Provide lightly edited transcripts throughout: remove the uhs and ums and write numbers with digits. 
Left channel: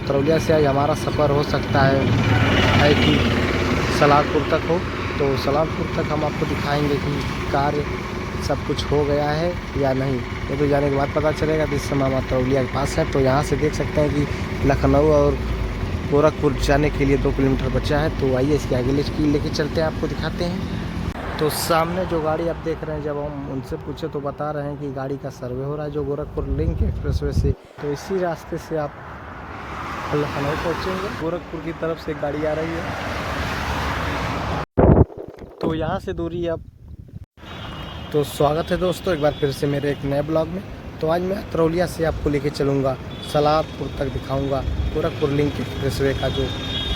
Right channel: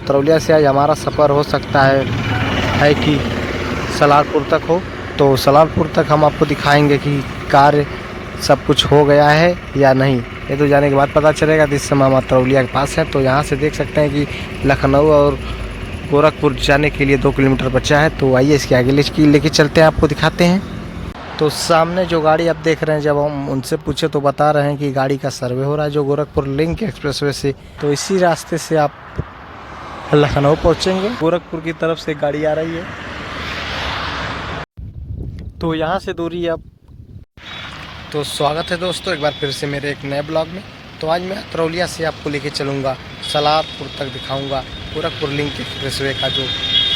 अतरौलिया से आज हमारा सफ़र हो सकता है कि सलारपुर तक हो। तो सलारपुर तक हम आपको दिखाएंगे कि कार्य सब कुछ हो गया है या नहीं, ये तो जाने के बाद पता चलेगा। जिस समय हम अतरौलिया के पास हैं तो यहाँ से देख सकते हैं कि लखनऊ और गोरखपुर जाने के लिए 2 किलोमीटर बचा है। तो आइए इसके आगे लेके चलते हैं, आपको दिखाते हैं। तो सामने जो गाड़ी आप देख रहे हैं, जब हम उनसे पूछे तो बता रहे हैं कि गाड़ी का सर्वे हो रहा है जो गोरखपुर लिंक एक्सप्रेसवे से। तो इसी रास्ते से आप लखनऊ पहुंचेंगे। गोरखपुर की तरफ से गाड़ी आ रही है, तो यहाँ से दूरी अब। तो स्वागत है दोस्तों एक बार फिर से मेरे एक नए ब्लॉग में। तो आज मैं अतरौलिया से आपको लेके चलूँगा, सलारपुर तक दिखाऊँगा गोरखपुर लिंक एक्सप्रेसवे का जो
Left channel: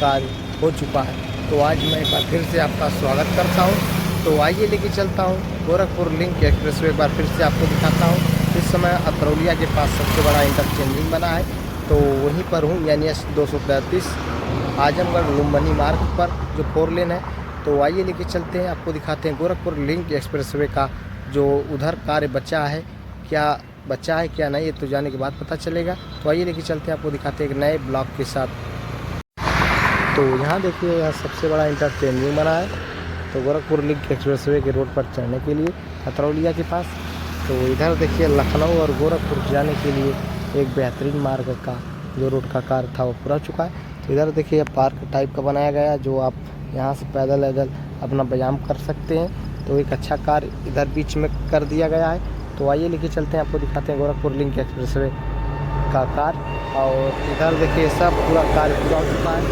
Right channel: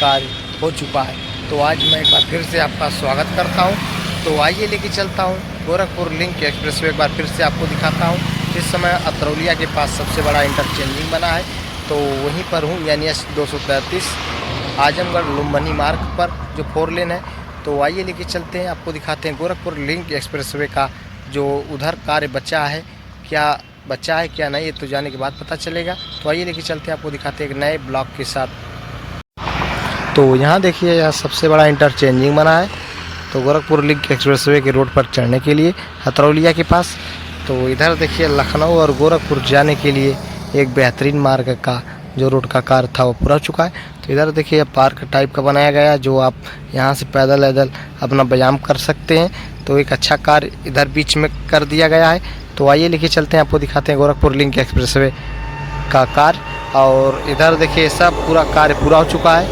कार्य हो चुका है। तो आज मैं एक बार फिर से आपका स्वागत करता हूँ। तो आइए लेके चलता हूँ गोरखपुर लिंक एक्सप्रेसवे, एक बार फिर से आपको दिखाता हूँ। इस समय अतरौलिया के पास सबसे बड़ा इंटरचेंजिंग बना है, तो वहीं पर हूँ, यानी 233 आजमगढ़ लुम्बिनी मार्ग पर जो 4 लेन है। तो आइए लेके चलते हैं, आपको दिखाते हैं गोरखपुर लिंक एक्सप्रेसवे का जो उधर कार्य बचा है, क्या बचा है क्या नहीं, ये तो जाने के बाद पता चलेगा। तो आइए लेके चलते हैं, आपको दिखाते हैं एक नए ब्लॉग के साथ। तो यहाँ देखिए, यहाँ सबसे बड़ा इंटरचेंजिंग बना है, तो गोरखपुर लिंक एक्सप्रेसवे के रोड पर चढ़ने के लिए अतरौलिया के पास। तो इधर देखिए लखनऊ और गोरखपुर जाने के लिए एक बेहतरीन मार्ग का जो रोड का कार्य था वो पूरा चुका है। तो इधर देखिए पार्क टाइप का बनाया गया है, जो आप यहाँ से पैदल अपना व्यायाम कर सकते हैं। तो एक अच्छा कार्य इधर बीच में कर दिया गया है। तो आइए लेके चलते हैं, आपको दिखाते हैं गोरखपुर लिंक एक्सप्रेसवे का कार्य। और इधर देखिए सब पूरा कार्य पूरा हो चुका है,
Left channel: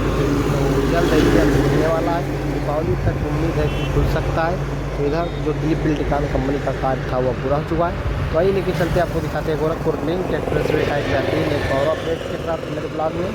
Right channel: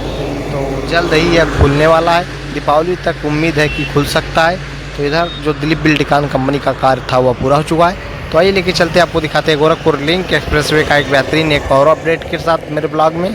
तो जल्द ही यह खुलने वाला है। दीपावली तक उम्मीद है कि खुल सकता है। तो इधर जो दिलीप बिल्डकॉन कंपनी का कार्य था वह पूरा हो चुका है। तो आइए लेके चलते हैं, आपको दिखाते हैं गोरखपुर लिंक एक्सप्रेसवे का एक बेहतरीन एक और अपडेट के साथ मेरे ब्लॉग में।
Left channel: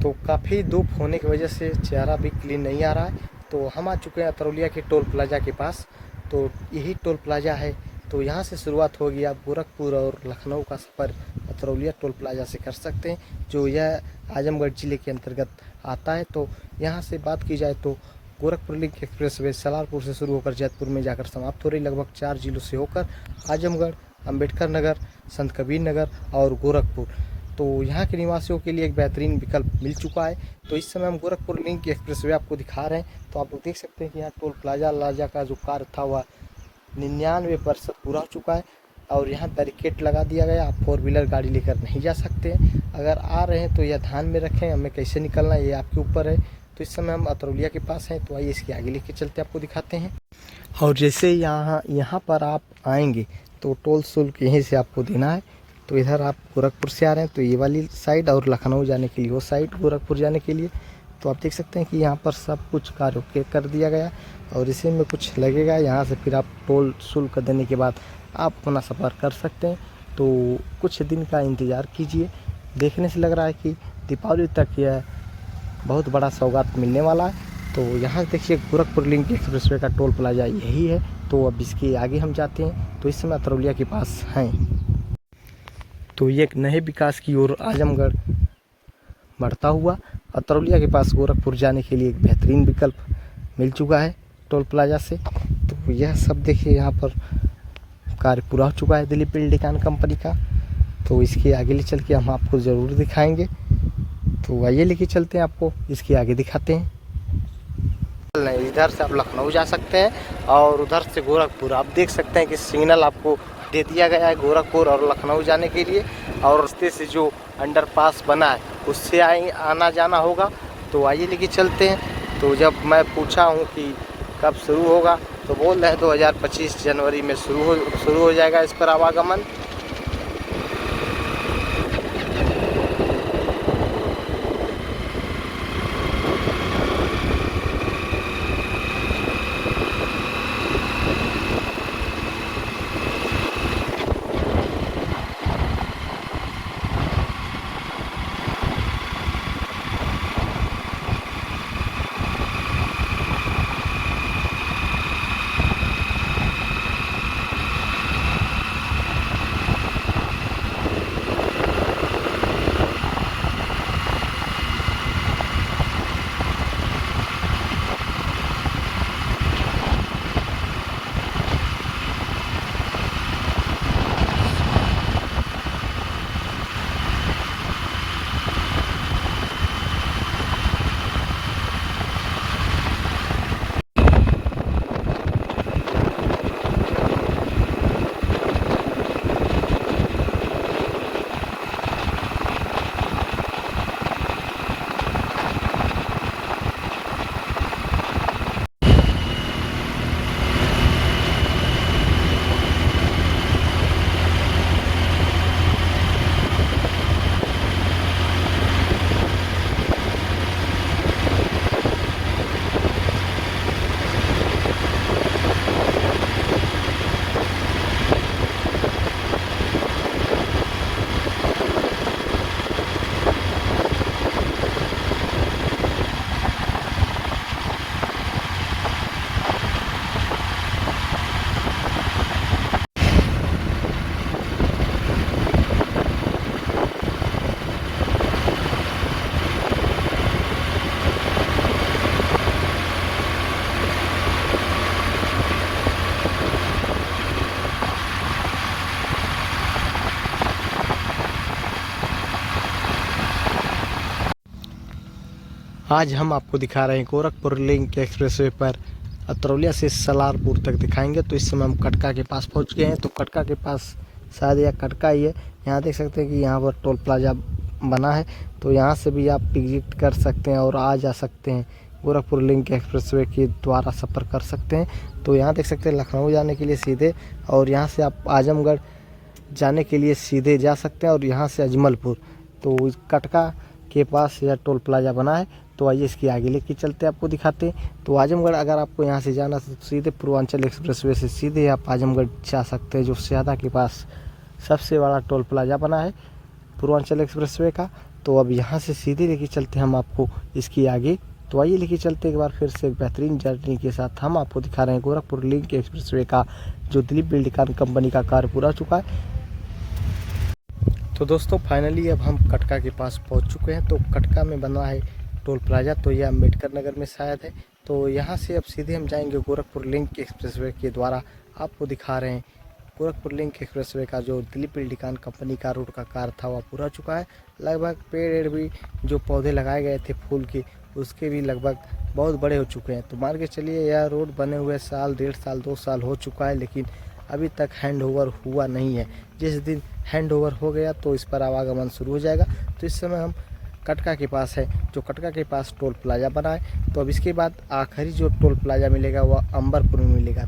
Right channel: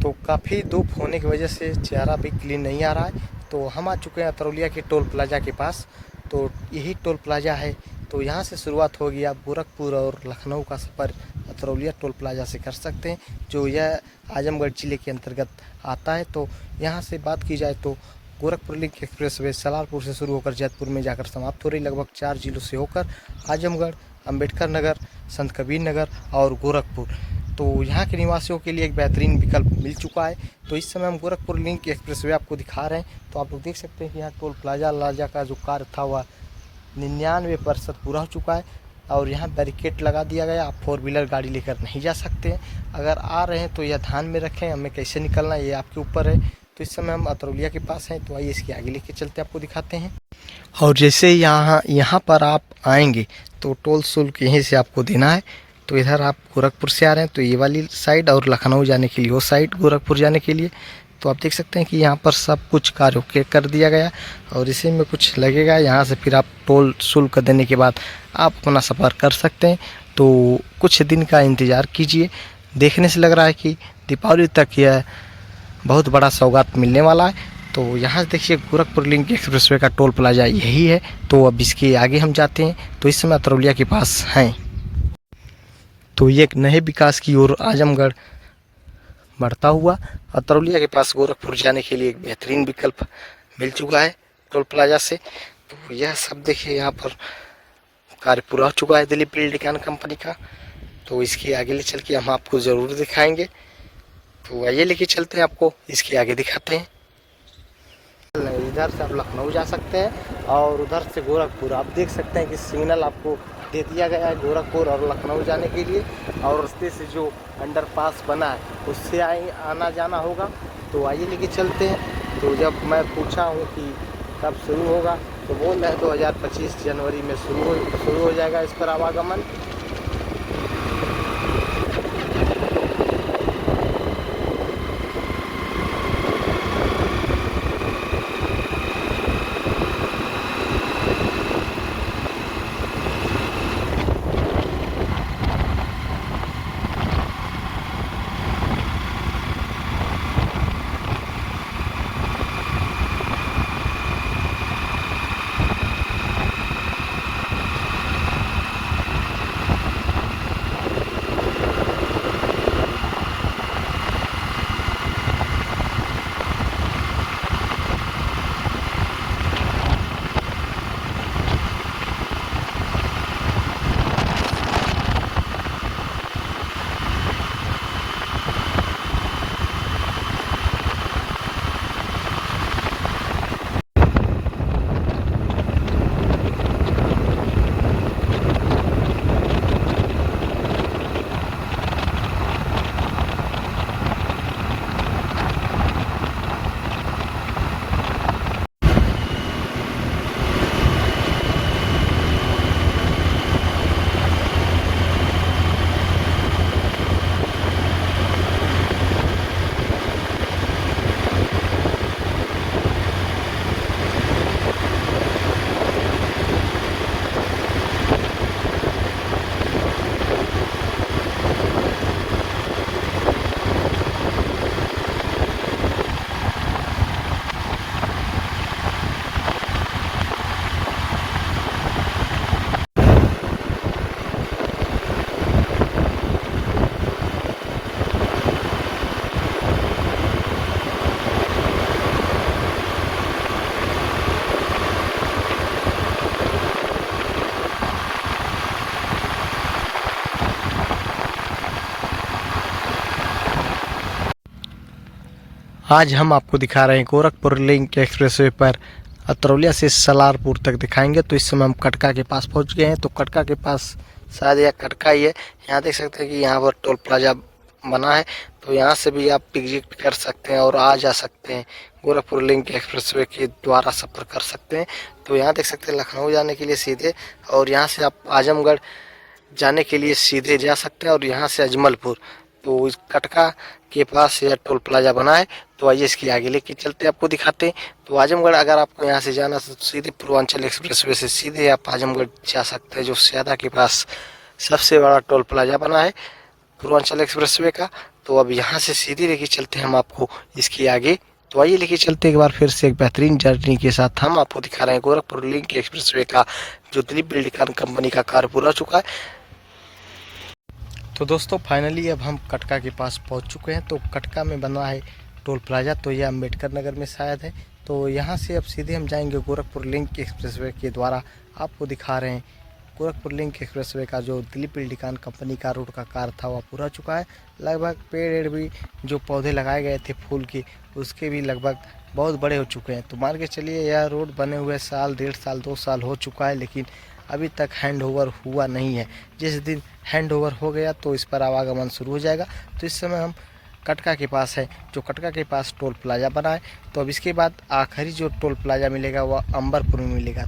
तो काफ़ी धूप होने की वजह से चेहरा भी क्लीन नहीं आ रहा है। तो हम आ चुके हैं अतरौलिया के टोल प्लाजा के पास। तो यही टोल प्लाजा है, तो यहाँ से शुरुआत होगी। आप गोरखपुर और लखनऊ का सफ़र अतरौलिया टोल प्लाजा से कर सकते हैं, जो यह आजमगढ़ ज़िले के अंतर्गत आता है। तो यहाँ से बात की जाए तो गोरखपुर लिंक एक्सप्रेसवे सलारपुर से शुरू होकर जैतपुर में जाकर समाप्त हो रही, लगभग 4 जिलों से होकर आजमगढ़, अम्बेडकर नगर, संत कबीर नगर और गोरखपुर। तो यहाँ के निवासियों के लिए एक बेहतरीन विकल्प मिल चुका है। तो इस समय हम गोरखपुर लिंक एक्सप्रेसवे आपको दिखा रहे हैं। तो आप लोग देख सकते हैं कि यहाँ टोल प्लाजा का जो कार्य था वह 99% पूरा हो चुका है, और यहाँ बैरिकेड लगा दिया गया। आप 4 व्हीलर गाड़ी लेकर नहीं जा सकते हैं। अगर आ रहे हैं तो यह ध्यान में रखें, हमें कैसे निकलना है ये आपके ऊपर है। तो इस समय हम अतरौलिया के पास हैं, तो आइए इसके आगे लेके चलते आपको दिखाते हैं। और जैसे यहाँ पर आप आएंगे तो टोल शुल्क यहीं से आपको देना है। तो इधर आप गोरखपुर से आ रहे हैं तो ये वाली साइड, और लखनऊ जाने के लिए वो साइड, गोरखपुर जाने के लिए। तो आप देख सकते हैं कि यहाँ पर सब कुछ कार्य ओके कर दिया गया, और इसी में कुछ लगेगा। यहाँ से फिर आप टोल शुल्क देने के बाद आप अपना सफ़र कर सकते हैं। तो कुछ दिन का इंतज़ार कीजिए। देखने से लग रहा है कि दीपावली तक यह बहुत बड़ा सौगात मिलने वाला है। तो यहाँ देखिए गोरखपुर लिंक एक्सप्रेसवे का टोल प्लाजा यही है। तो अब इसके आगे हम जाते हैं। तो इस समय अतरौलिया के पास हैं। तो ये एक नए विकास की ओर आजमगढ़ बढ़ता हुआ अतरौलिया के पास गोरखपुर जाने के लिए एक बेहतरीन विकल्प मिल चुका है टोल प्लाजा से। तो यह सब देखिए, यहाँ पर कार्य पूरा हो चुका है दिलीप बिल्डिकॉन कंपनी का। तो इसके आगे ले चल के हम आपको ज़रूर दिखाएंगे। तो आइए लेके चलते हैं, आपको इसके आगे दिखाते हैं। इधर से आप लखनऊ जा सकते हैं और उधर से गोरखपुर। आप देख सकते हैं कि सिग्नल आपको दे दिया गया है गोरखपुर और लखनऊ जाने के लिए, और रास्ते से जो अंडरपास बना है उससे आना जाना होगा। तो आइए लेके चलते हैं। तो जब मैं पूछा हूँ कि कब शुरू होगा, तो बोल रहे हैं 2025 जनवरी में शुरू हो जाएगा इस पर आवागमन। आज हम आपको दिखा रहे हैं गोरखपुर लिंक एक्सप्रेसवे पर अतरौलिया से सलारपुर तक दिखाएंगे। तो इस समय हम कटका के पास पहुंच गए हैं। तो कटका के पास शायद यह कटका ही है। यहाँ देख सकते हैं कि यहाँ पर टोल प्लाजा बना है, तो यहाँ से भी आप एग्जिट कर सकते हैं और आ जा सकते हैं। गोरखपुर लिंक एक्सप्रेसवे के द्वारा सफ़र कर सकते हैं। तो यहाँ देख सकते हैं लखनऊ जाने के लिए सीधे, और यहाँ से आप आजमगढ़ जाने के लिए सीधे जा सकते हैं, और यहाँ से अजमलपुर। तो इस कटका के पास यह टोल प्लाजा बना है। तो आइए इसके आगे लेके चलते हैं, आपको दिखाते हैं। तो आजमगढ़ अगर आपको यहाँ से जाना तो सीधे पूर्वांचल एक्सप्रेसवे से सीधे आप आजमगढ़ जा सकते हैं, जो स्यादा के पास सबसे बड़ा टोल प्लाजा बना है पूर्वांचल एक्सप्रेसवे का। तो अब यहाँ से सीधे लेके चलते हैं हम आपको इसके आगे। तो आइए लेके चलते हैं एक बार फिर से एक बेहतरीन जर्नी के साथ। हम आपको दिखा रहे हैं गोरखपुर लिंक एक्सप्रेसवे का जो दिलीप बिल्डिकॉन कंपनी का कार्य पूरा चुका है। तो दोस्तों फाइनली अब हम कटका के पास पहुंच चुके हैं। तो कटका में बना है टोल प्लाजा, तो यह अम्बेडकर नगर में शायद है। तो यहाँ से अब सीधे हम जाएंगे गोरखपुर लिंक एक्सप्रेसवे के द्वारा। आपको दिखा रहे हैं गोरखपुर लिंक एक्सप्रेसवे का जो दिलीप बिल्डिकॉन कंपनी का रोड का कार्य था वह पूरा चुका है। लगभग पेड़ भी जो पौधे लगाए गए थे फूल के, उसके भी लगभग बहुत बड़े हो चुके हैं। तो मान के चलिए यह रोड बने हुए साल, 1.5 साल, 2 साल हो चुका है, लेकिन अभी तक हैंड ओवर हुआ नहीं है। जिस दिन हैंड ओवर हो गया तो इस पर आवागमन शुरू हो जाएगा। तो इस समय हम कटका के पास है, जो कटका के पास टोल प्लाजा बना है। तो अब इसके बाद आखिरी जो टोल प्लाजा मिलेगा वह अंबरपुर में मिलेगा।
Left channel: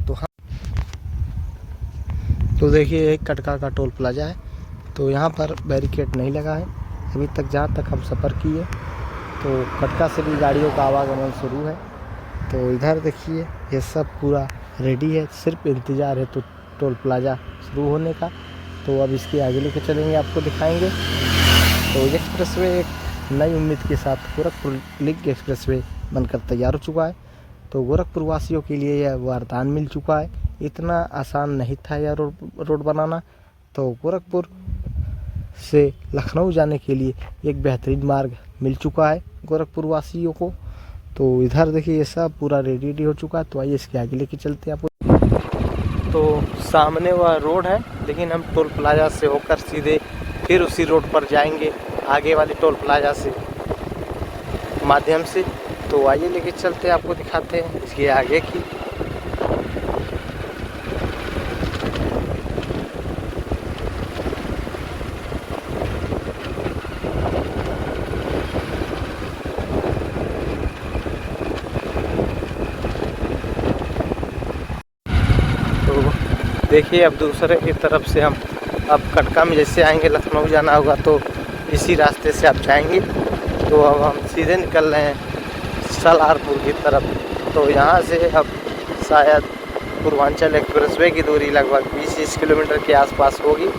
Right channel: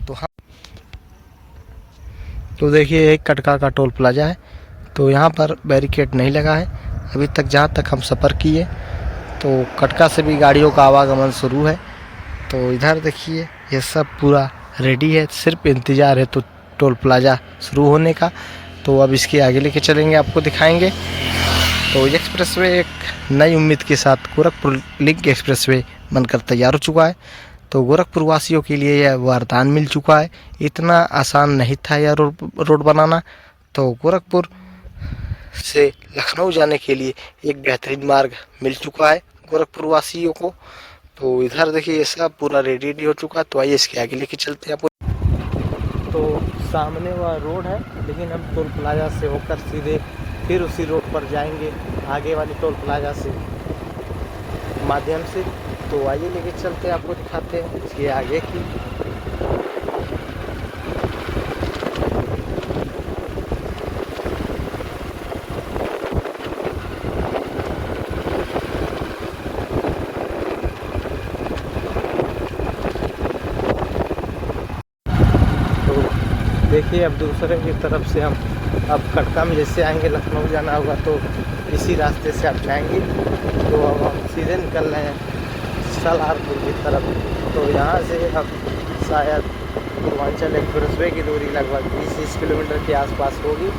तो देखिए एक कटका का टोल प्लाजा है। तो यहाँ पर बैरिकेड नहीं लगा है अभी तक, जहाँ तक हम सफ़र किए। तो कटका से भी गाड़ियों का आवागमन शुरू है। तो इधर देखिए ये सब पूरा रेडी है, सिर्फ इंतज़ार है तो टोल प्लाजा शुरू होने का। तो अब इसके आगे लेके चलेंगे, आपको दिखाएंगे। तो एक्सप्रेसवे एक नई उम्मीद के साथ गोरखपुर लिंक एक्सप्रेसवे बनकर तैयार हो चुका है। तो गोरखपुर वासियों के लिए यह वरदान मिल चुका है। इतना आसान नहीं था यह रोड बनाना। तो गोरखपुर से लखनऊ जाने के लिए एक बेहतरीन मार्ग मिल चुका है गोरखपुर वासियों को। तो इधर देखिए ये सब पूरा रेडी हो चुका है। तो आइए इसके आगे लेके चलते हैं आपको। तो सामने वह रोड है, लेकिन हम टोल प्लाजा से होकर सीधे फिर उसी रोड पर जाएंगे आगे वाले टोल प्लाजा से माध्यम से। तो आइए लेके चलते हैं, आपको दिखाते हैं इसके आगे की। तो देखिए अब दूसरे की तरफ से हम अब कटका में जैसे आएंगे, लखनऊ जाना होगा तो इसी रास्ते से आप जाएंगे। तो अब हम सीधे निकल रहे हैं सलारपुर की तरफ। तो यहाँ से अब शायद पूर्वांचल एक्सप्रेसवे की दूरी लगभग 20 किलोमीटर के आसपास होगी।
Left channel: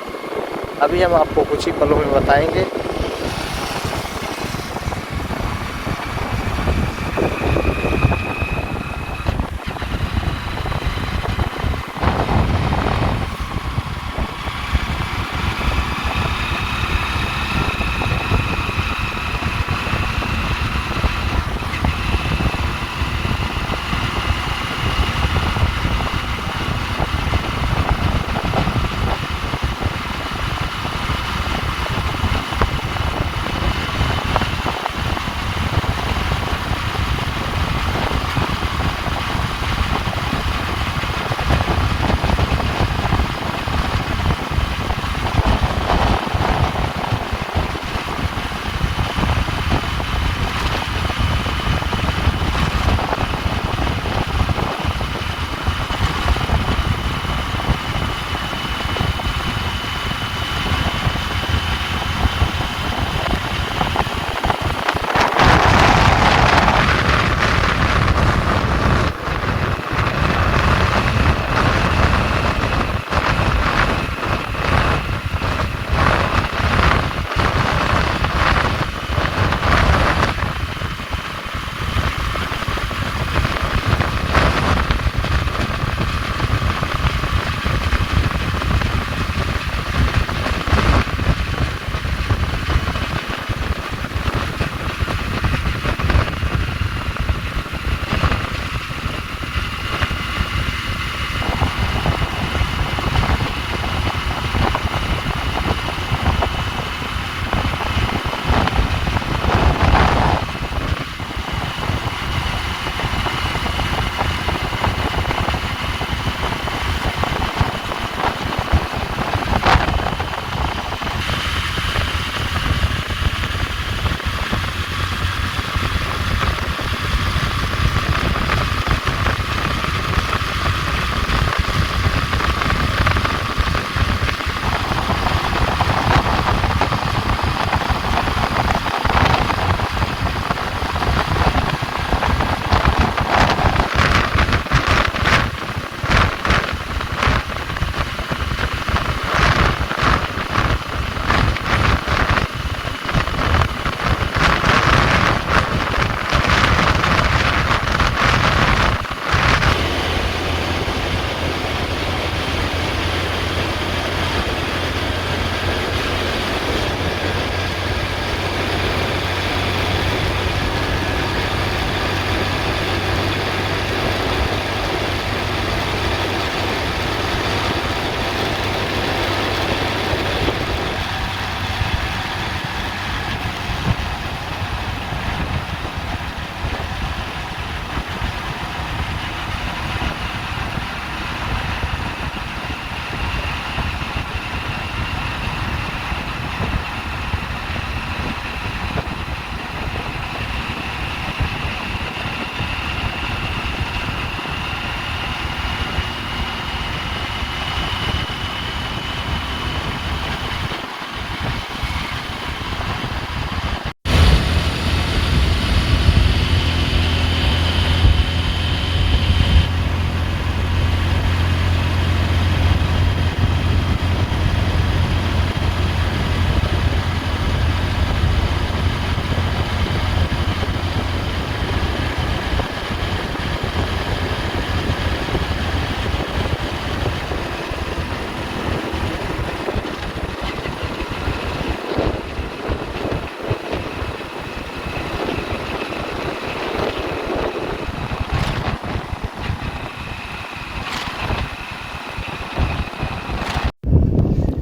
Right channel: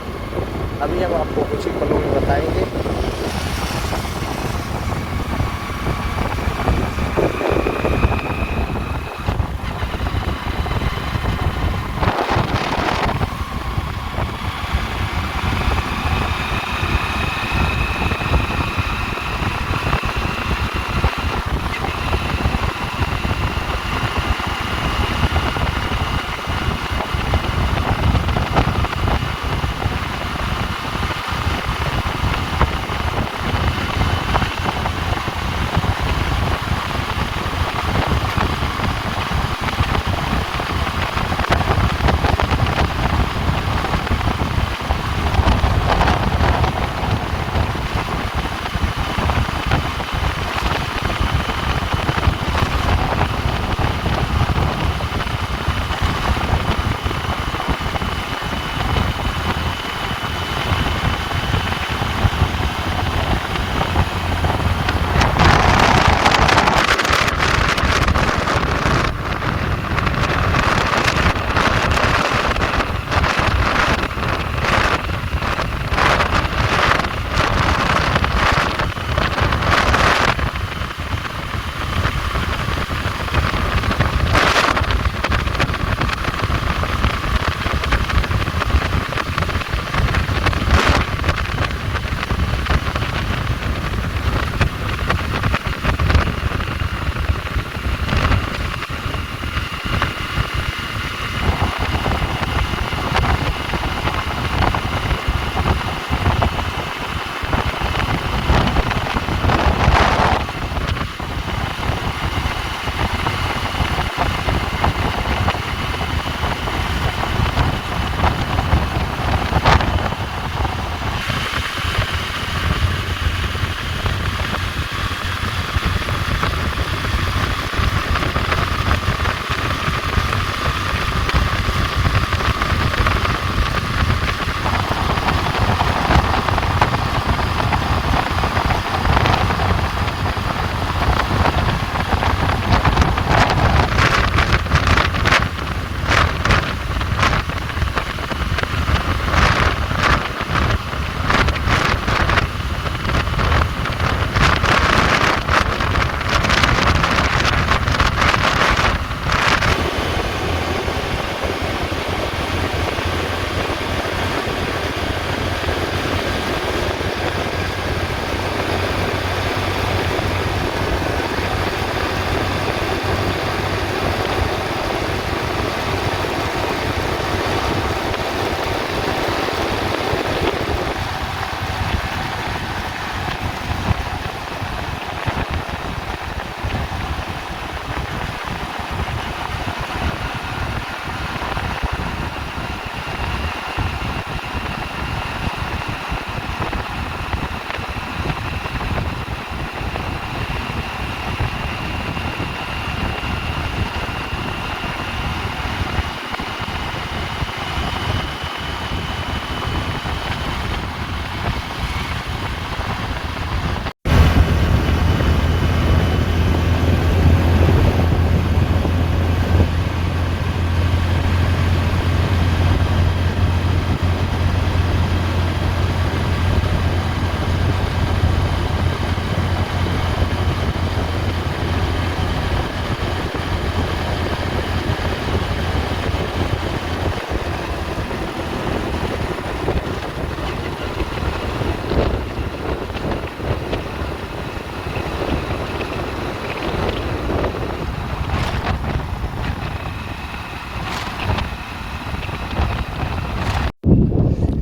अभी हम आपको कुछ ही पलों में बताएंगे।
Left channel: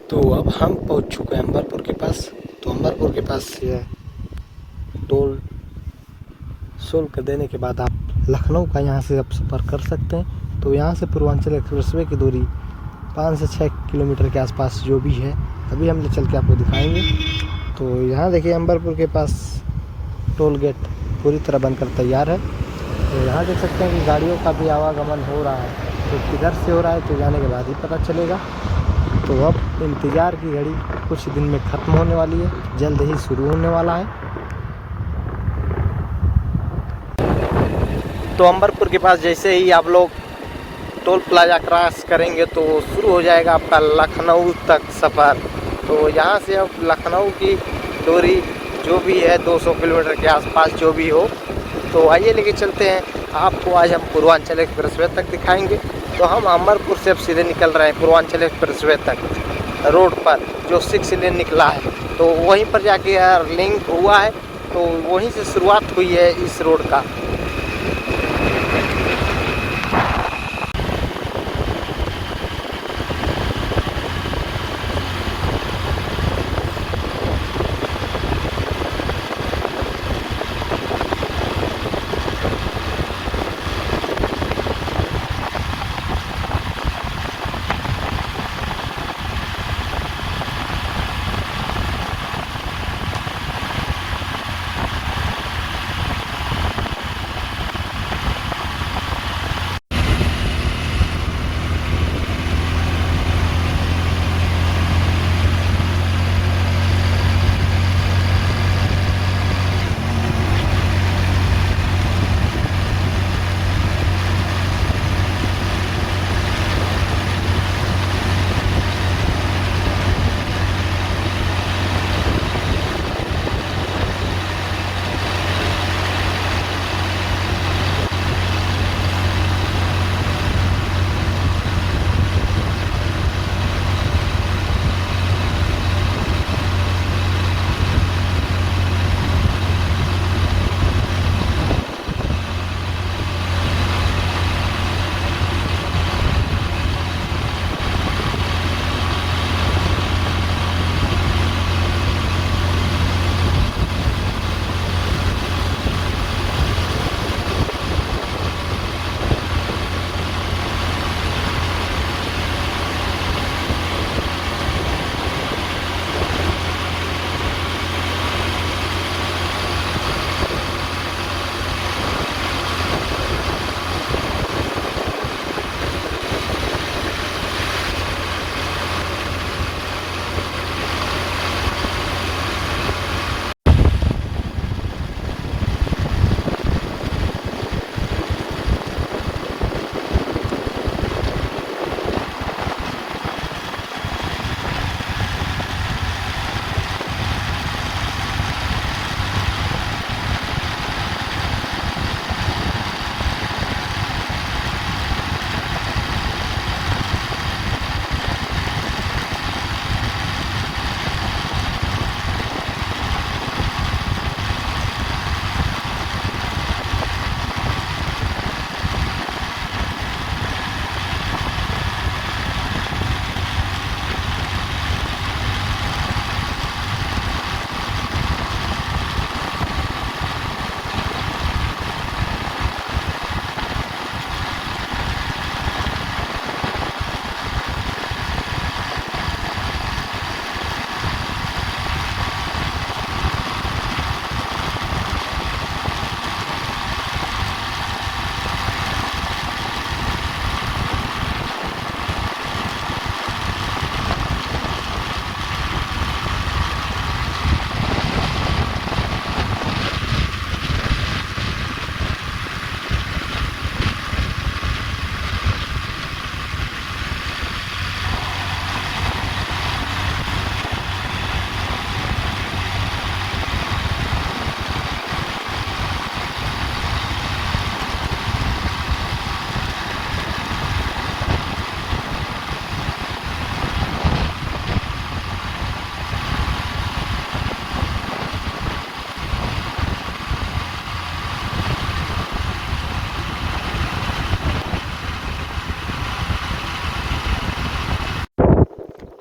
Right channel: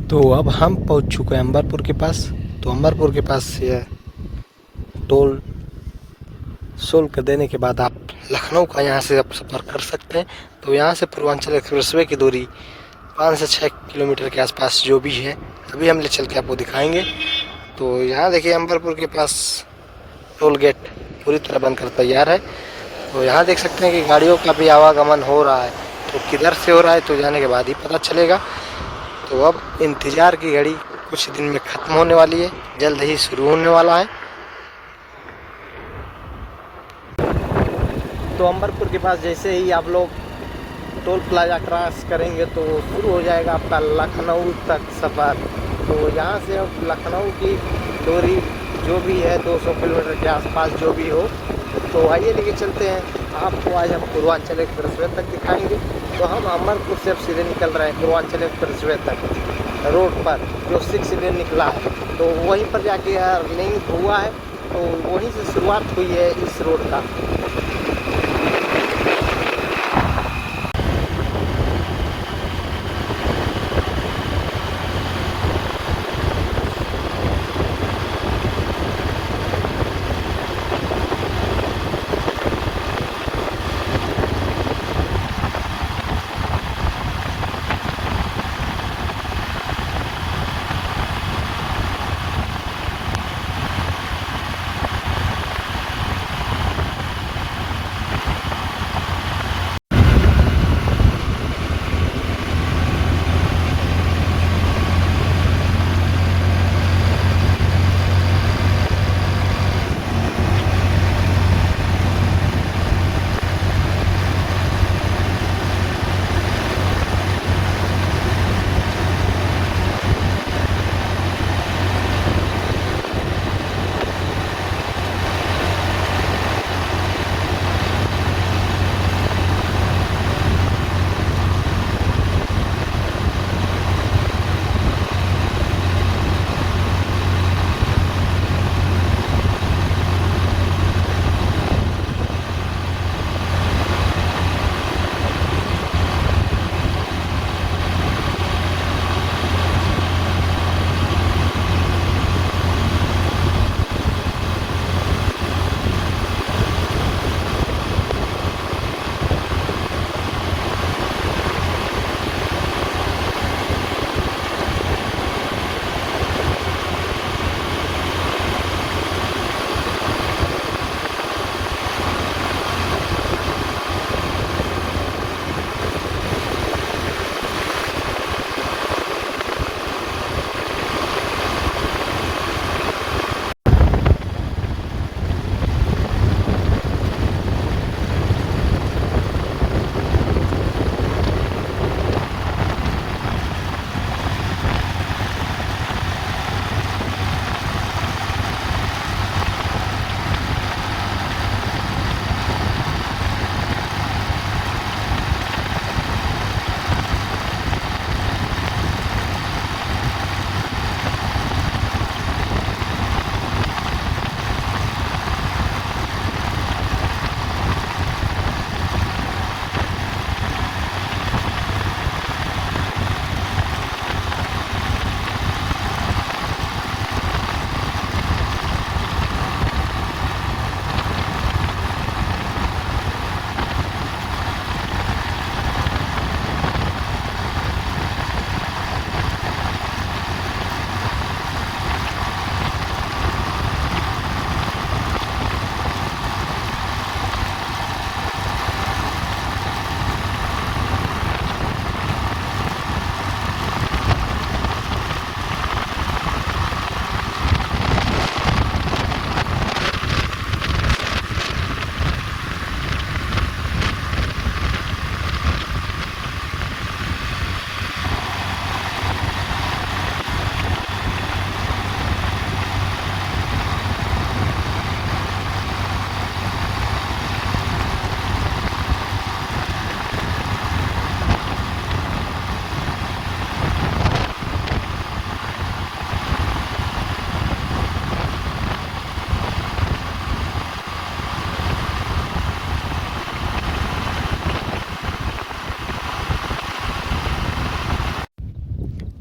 तो अब हम पहुंच चुके हैं अंबरपुर के पास। तो अंबरपुर के पास ये टोल शुल्क देने के बाद आप लखनऊ का यहाँ से आप सफ़र कर सकते हैं। तो यहाँ से पूर्वांचल एक्सप्रेसवे की दूरी 5 से 6 किलोमीटर के आसपास जो भी है, अभी हम ले चल के आपको दिखाएंगे। तो यहाँ देखिए अंबरपुर के पास टोल गेट पूरी तरह बनकर तैयार है। तो यहाँ देख सकते हैं कि गाड़ियों का भी आवागमन हो रहा है। तो किधर से हो रहा है तो जाने के बाद ही पता चलेगा। तो अब इंतज़ार की घड़ी कुछ दिन में ख़त्म होने वाली है, जल्द ही शुरू होने वाला है। तो अंबरपुर के पास जैसे ही आप लोग टोल प्लाजा क्रॉस करेंगे तो शुरू हो जाएगा आपका लखनऊ तक सफ़र। तो यहाँ से अब लखनऊ की दूरी जो भी है 200 किलोमीटर के आसपास जो भी हो। तो आइए लेके चलते हैं आपको। आज हम पूर्वांचल एक्सप्रेसवे तक दिखाएंगे। तो हम अमरपुर से अब सीधे निकल रहे हैं पूर्वांचल एक्सप्रेसवे तक रोड पर, जो 6 लेन निकला है। तो वहीं पर जाके लिंक हुआ है, तो वहीं से शुरुआत हुई है इस रोड का।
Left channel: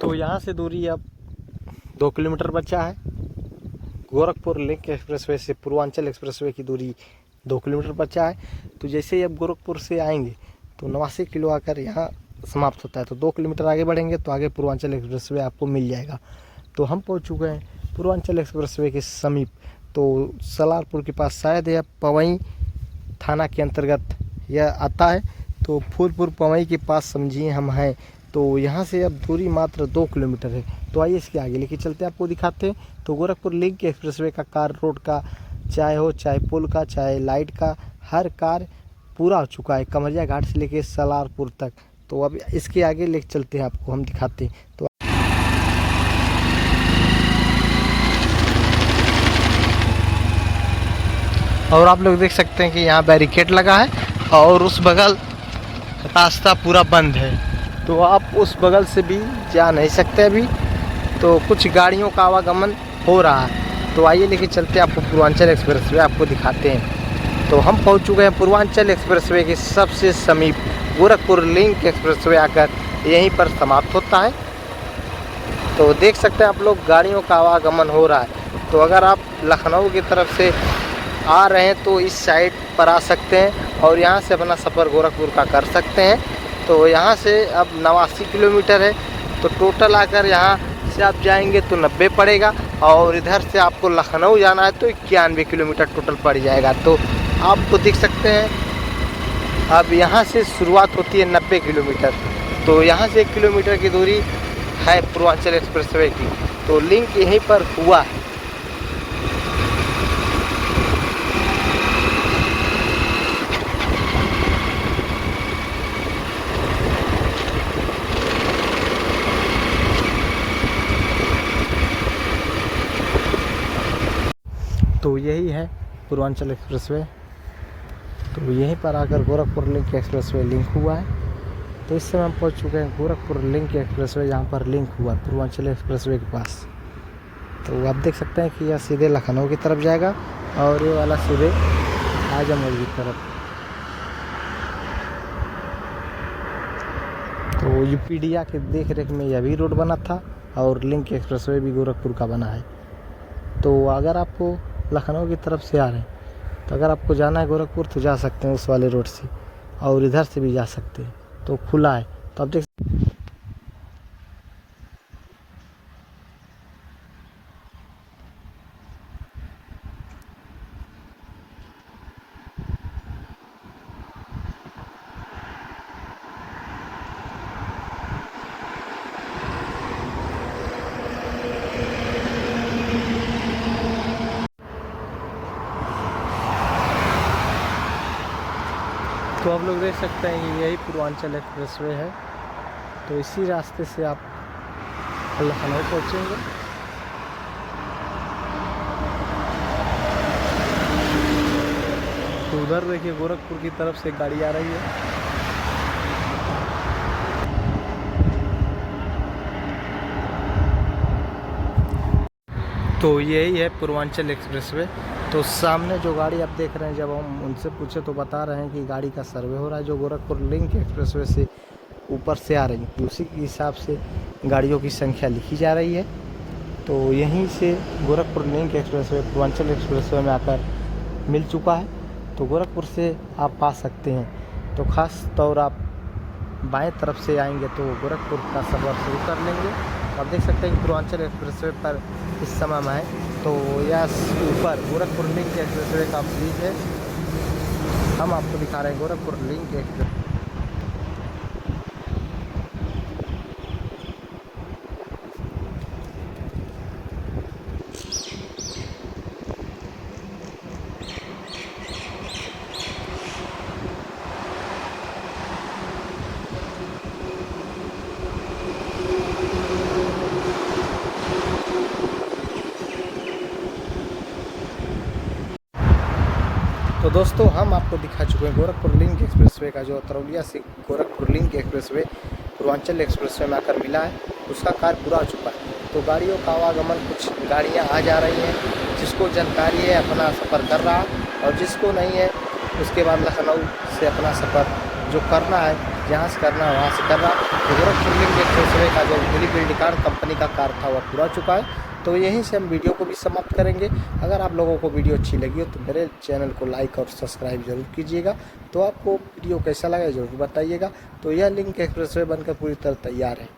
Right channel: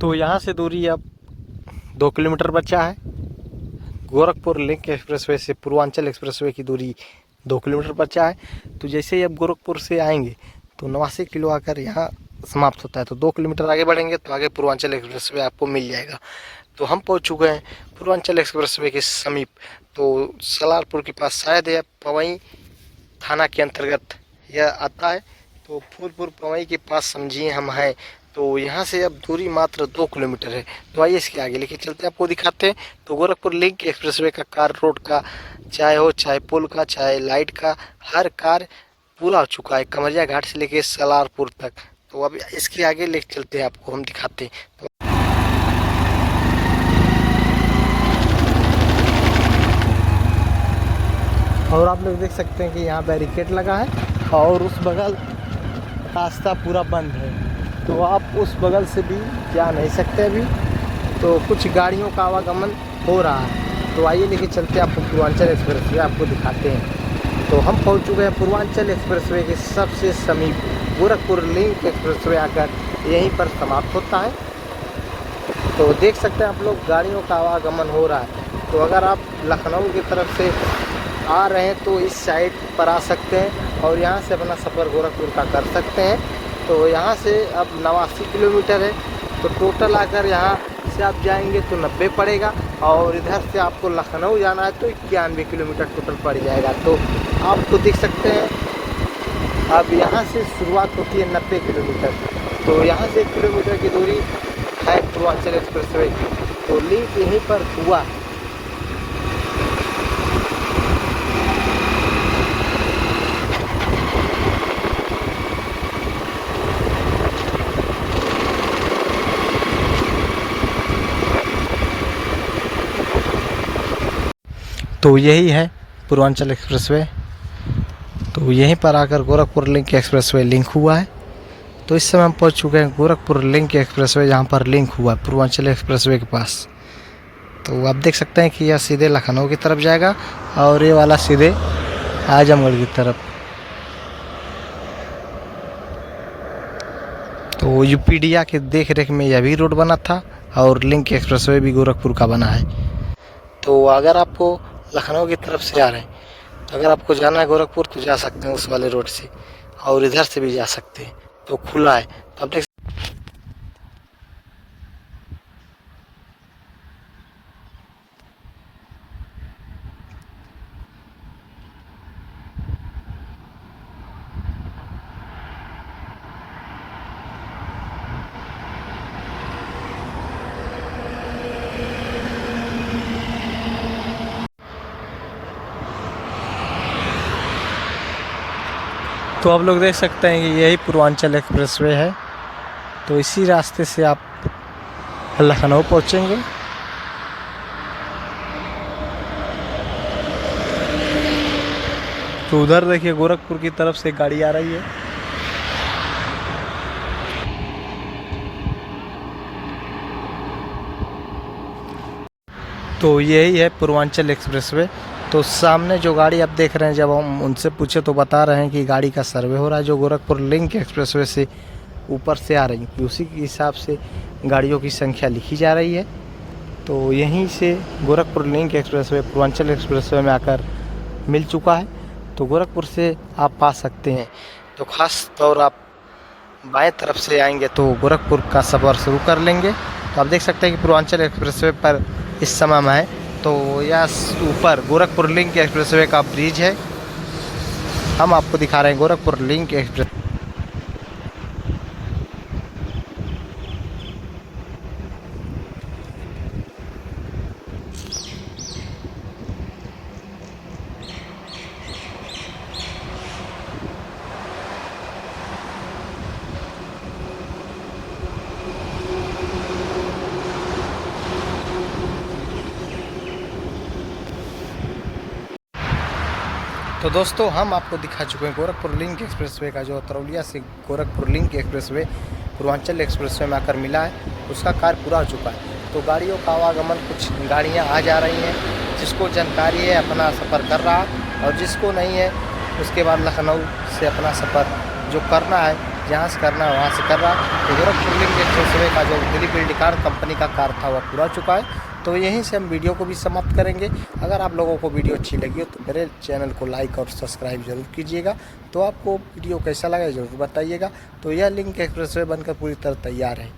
तो यहाँ से दूरी अब 2 किलोमीटर बचा है। गोरखपुर लिंक एक्सप्रेसवे से पूर्वांचल एक्सप्रेसवे की दूरी 2 किलोमीटर बचा है। तो जैसे ही अब गोरखपुर से आएंगे तो 89 किलो आकर यहाँ समाप्त होता है। तो 2 किलोमीटर आगे बढ़ेंगे तो आगे पूर्वांचल एक्सप्रेसवे आपको मिल जाएगा। तो हम पहुँच चुके हैं पूर्वांचल एक्सप्रेसवे के समीप। तो सलारपुर के पास शायद यह पवई थाना के अंतर्गत यह आता है। तो फूलपुर पवई के पास समझिए हम हैं। तो यहाँ से अब दूरी मात्र 2 किलोमीटर है। तो आइए इसके आगे लेके चलते हैं, आपको दिखाते हैं। तो गोरखपुर लिंक एक्सप्रेसवे का कार रोड का चाहे हो, चाहे पुल का, चाहे लाइट का, हर कार्य पूरा हो चुका है कमरिया घाट से लेके सलारपुर तक। तो अब इसके आगे लेके चलते हैं, आपको हम दिखाते हैं। तो और आप लोग देख सकते हैं कि यहाँ बैरिकेड लगा है और उस बगल रास्ता पूरा बंद है। तो आप उस बगल से भी जा नहीं सकते अभी। तो कुछ गाड़ियों का आवागमन हो रहा है। तो आइए लेके चलते हैं, आपको पूर्वांचल एक्सप्रेसवे आपको दिखाते हैं। तो हम पहुंच चुके हैं पूर्वांचल एक्सप्रेसवे के सबसे समीप। गोरखपुर लिंक एक्सप्रेसवे आकर यहीं पर समाप्त होता है। तो देख सकते हैं आप लोग गाड़ियों का आवागमन हो रहा है। तो अगर आप लखनऊ की तरफ से आ रहे हैं तो इस साइड पर आ सकते हैं और यहाँ से अपना सफ़र गोरखपुर का कर सकते हैं। तो यहाँ से अब 89 किलोमीटर है। तो टोटल आकर यहाँ से आप जाएंगे तो 90 पड़ेगा और इधर से आपको लखनऊ जाना है तो 91 किलोमीटर टोटल पड़ जाएगा। तो आपको देख सकते हैं अब यहाँ से शुरुआत होती है 90 किलोमीटर। तो यहाँ से 1 किलोमीटर की दूरी है पूर्वांचल एक्सप्रेसवे की। तो लिंक यहीं पर हुआ है। तो यही है पूर्वांचल एक्सप्रेसवे। तो यहीं पर आकर गोरखपुर लिंक एक्सप्रेसवे लिंक हुआ है। तो इस समय हम पहुंच चुके हैं गोरखपुर लिंक एक्सप्रेसवे, जहां पर लिंक हुआ है पूर्वांचल एक्सप्रेसवे के पास। तो आप देख सकते हैं कि यह सीधे लखनऊ की तरफ जाएगा और ये वाला सीधे आजमगढ़ की तरफ। तो यूपीडिया के देख रेख में यह भी रोड बना था और लिंक एक्सप्रेसवे भी गोरखपुर का बना है। तो अगर आपको लखनऊ की तरफ से आ रहे हैं तो अगर आपको जाना है गोरखपुर तो जा सकते हैं उस वाले रोड से और इधर से भी जा सकते हैं। तो खुला है। तो आप देख तो आप लोग देख सकते हैं कि यही पूर्वांचल एक्सप्रेसवे है। तो इसी रास्ते से आप लखनऊ पहुंचेंगे। तो उधर देखिए गोरखपुर की तरफ से गाड़ी आ रही है। तो यही है पूर्वांचल एक्सप्रेसवे। तो सामने जो गाड़ी आप देख रहे हैं, जब हम उनसे पूछे तो बता रहे हैं कि गाड़ी का सर्वे हो रहा है जो गोरखपुर लिंक एक्सप्रेसवे से ऊपर से आ रही है। उसी के हिसाब से गाड़ियों की संख्या लिखी जा रही है। तो यहीं से Gorakhpur link expressway Purvanchal expressway में आकर मिल चुका है। तो गोरखपुर से आप पा सकते हैं। तो ख़ास तौर आप बाएं तरफ से आएंगे तो गोरखपुर का सफ़र शुरू कर लेंगे। तो आप देख सकते हैं कि पूर्वांचल एक्सप्रेसवे पर इस समय में है। तो यह ऊपर गोरखपुर लिंक एक्सप्रेसवे का ब्रिज है। हम आपको दिखा रहे हैं गोरखपुर लिंक एक्सप्रेस। तो दोस्तों हम आपको दिखा चुके हैं गोरखपुर लिंक एक्सप्रेसवे का जो तरौलिया से Gorakhpur link expressway Purvanchal expressway में आकर मिला है, उसका कार्य पूरा हो चुका है। तो गाड़ियों का आवागमन, कुछ गाड़ियां आ जा रही हैं, जिसको जानकारी है अपना सफ़र कर रहा, और जिसको नहीं है उसके बाद लखनऊ से अपना सफ़र जो करना है जहाँ से करना है वहाँ से कर रहा। तो गोरखपुर लिंक एक्सप्रेसवे का जो दिलीप बिल्डिंग कंपनी का कार्य था वह पूरा चुका है। तो यहीं से हम वीडियो को भी समाप्त करेंगे। अगर आप लोगों को वीडियो अच्छी लगी हो तो मेरे चैनल को लाइक और सब्सक्राइब जरूर कीजिएगा। तो आपको वीडियो कैसा लगा ज़रूर बताइएगा। तो यह लिंक एक्सप्रेसवे बनकर पूरी तरह तैयार है।